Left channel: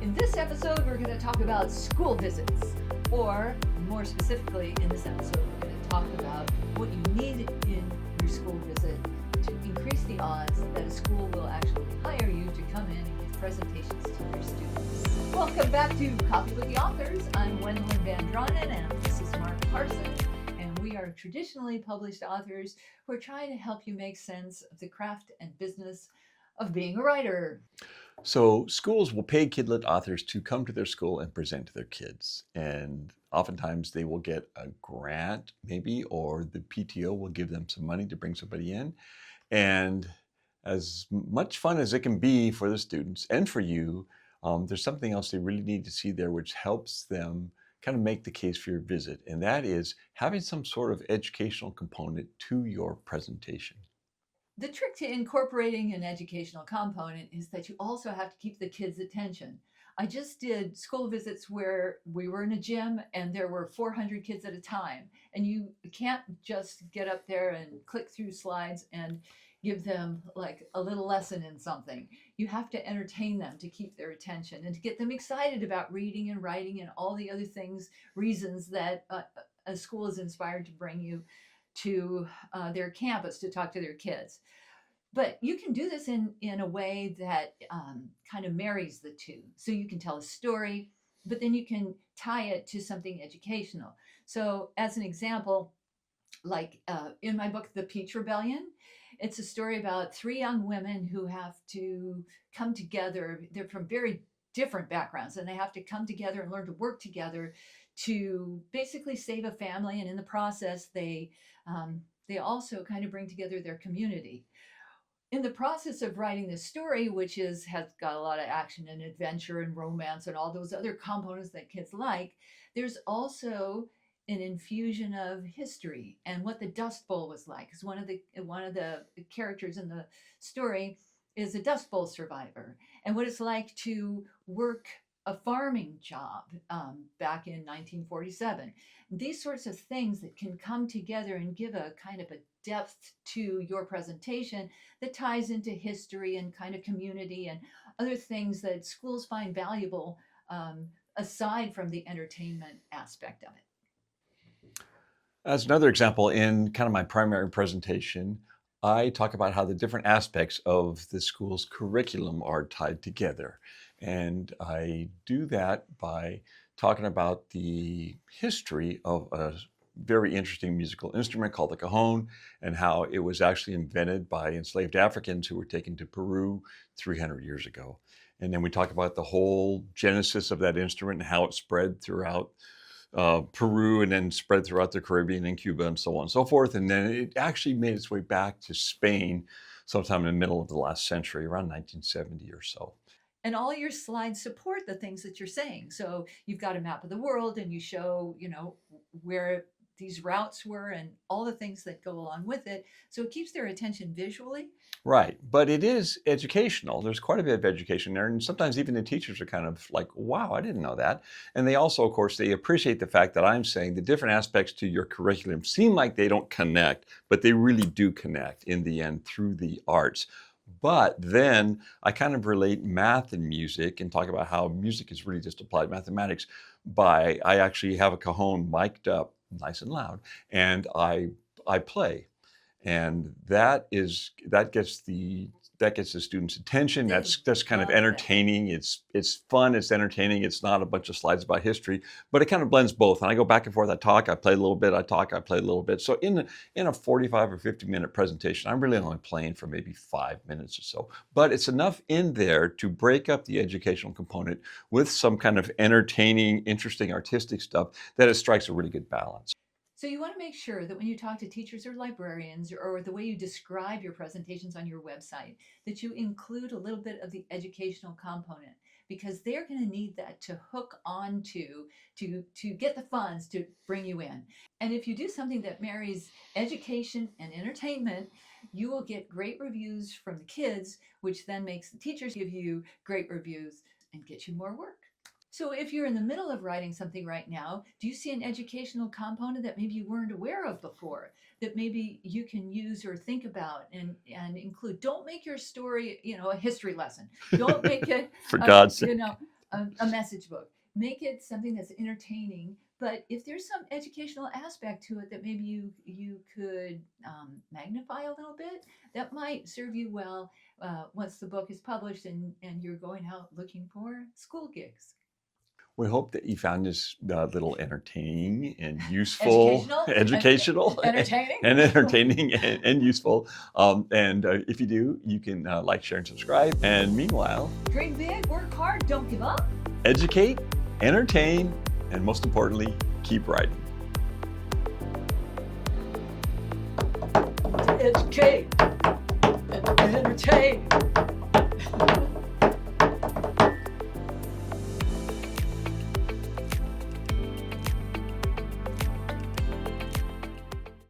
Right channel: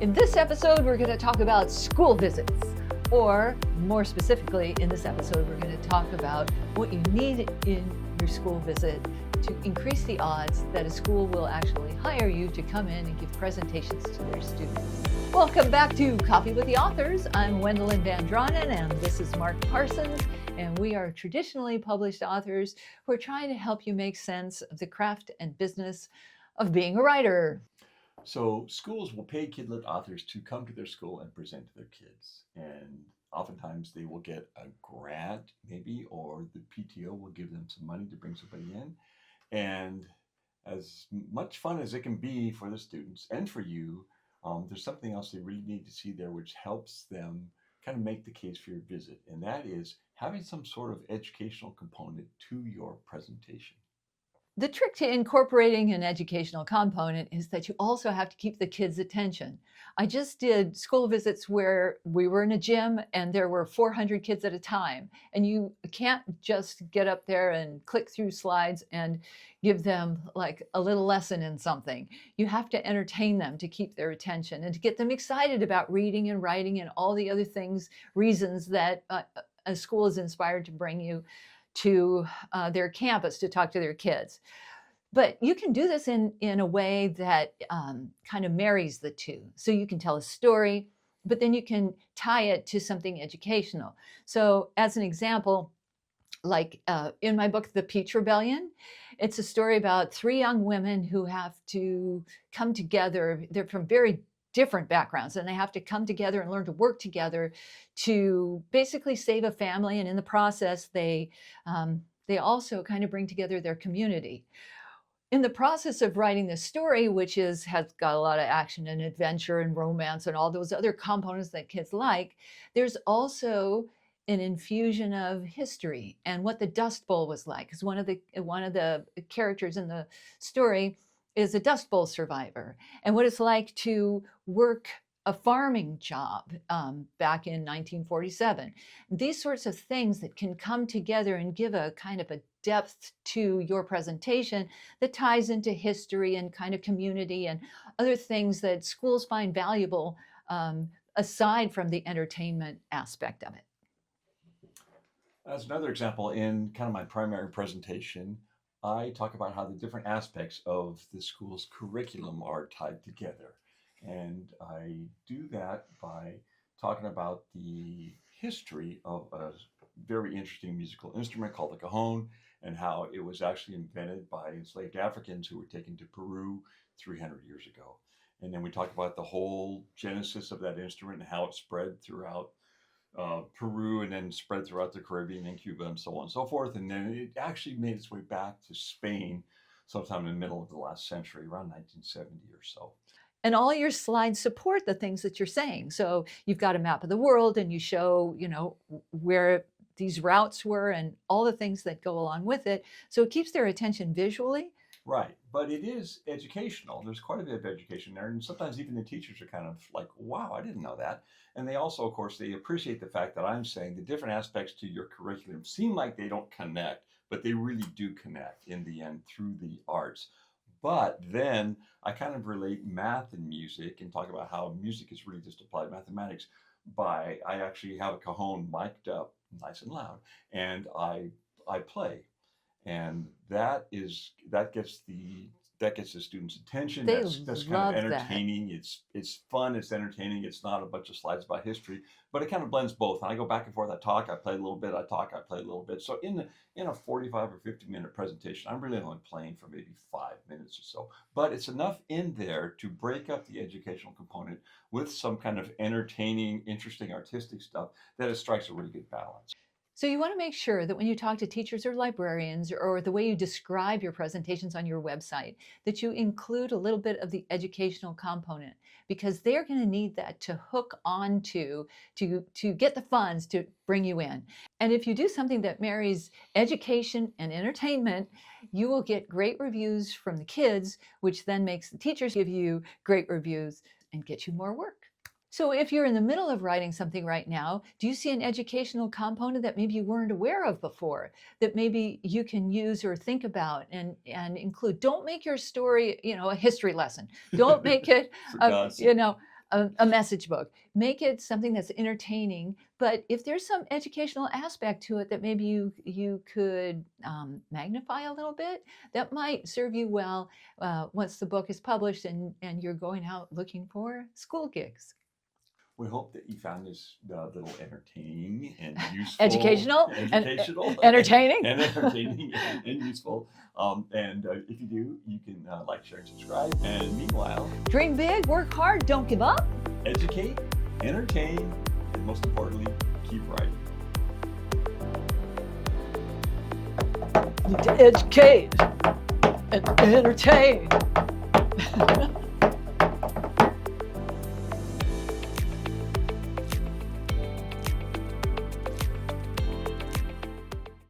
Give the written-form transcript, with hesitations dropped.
In this episode, we're going to talk about school visits, or more specifically, in this episode, we're going to talk about what you need in your school visit to increase the odds that a school will actually hire you to come in and give presentations to their students. Welcome back to Coffee with the Authors. I'm Wendelin Van Draanen, and this is Mark Parsons, and we are traditionally published authors who are trying to help you make sense of the craft and business of being a writer. So schools will pay kidlit authors to come to their school and present to their kids. And oftentimes they will get a grant maybe, or the PTO will give them some money to bring somebody in. And as much fun as it can be for the students and for you, there's something else they really need to see there which helps them kind of make the case for your visit. And that is having some sort of educational component to your presentation. The trick to incorporating an educational component is that you also have to keep the kids' attention. I just did school visits where we were in a gym and there were 400 kids at a time. And you can't just get up there and click through slides and give them like a little lesson in something. You have to entertain them to keep their attention and to get them excited about reading and writing and all the other reasons that a school is inspired to bring you to their campus to talk to their kids. But you can do this in a way that kind of marries the two. So you can tell a story, but then you can tie it to something educational. So as an example, like in my book, The Peach Rebellion, it's a story about three young women who have to come together. They're from very different backgrounds, and they have to come together and learn to work together to basically save a family. And in the process, they also kind of bring together their community. In the process of writing this story, which has got a lot of action and adventure and romance and all those other components that kids like, there's also an infusion of history and what the Dust Bowl was like. Because one of the characters in the story is a Dust Bowl survivor, and what it's like to work a farming job back in 1947. These sorts of things that can come together and give a kind of a depth to your presentation that ties into history and kind of community and other things that schools find valuable aside from the entertainment aspect of it. As another example, in kind of my primary presentation, I talk about how the different aspects of the school's curriculum are tied together. And I do that by talking about the history of a very interesting musical instrument called the cajon, and how it was actually invented by enslaved Africans who were taken to Peru 300 years ago. And then we talk about the whole genesis of that instrument and how it spread throughout Peru and then spread throughout the Caribbean and Cuba and so on and so forth. And then it actually made its way back to Spain sometime in the middle of the last century, around 1970 or so. And all your slides support the things that you're saying. So you've got a map of the world and you show, where these routes were and all the things that go along with it. So it keeps their attention visually. Right, but it is educational. There's quite a bit of education there, and sometimes even the teachers are kind of like, wow, I didn't know that. And they also, of course, they appreciate the fact that I'm saying the different aspects to your curriculum seem like they don't connect, but they really do connect in the end through the arts. But then I kind of relate math and music and talk about how music is really just applied mathematics I actually have a cajon mic'd up nice and loud, and I play. And that gets the students' attention. That's kind of entertaining. It's fun. It's entertaining. It's not a bunch of slides about history, but it kind of blends both. And I go back and forth. I talk. I play a little bit. I talk. I play a little bit. So in a 45 or 50-minute presentation, I'm really only playing for maybe 5 minutes or so. But it's enough in there to break up the educational component with some kind of entertaining, interesting, artistic stuff that it strikes a really good balance. So you want to make sure that when you talk to teachers or librarians, or the way you describe your presentations on your website, that you include a little bit of the educational component, because they're going to need that to hook on to get the funds to bring you in. And if you do something that marries education and entertainment, you will get great reviews from the kids, which then makes the teachers give you great reviews and get you more work. So if you're in the middle of writing something right now, do you see an educational component that maybe you weren't aware of before, that maybe you can use or think about and include? Don't make your story, a history lesson. Don't make it, For God's sake. a message book. Make it something that's entertaining, but if there's some educational aspect to it that maybe you could magnify a little bit, that might serve you well once the book is published and you're going out looking for school gigs. We hope that you found this little entertaining and useful, educational, entertaining, and useful. And if you do, you can like, share, and subscribe. And meanwhile, dream big, work hard, don't give up. Educate, entertain, and most importantly, keep writing. You need to educate and entertain.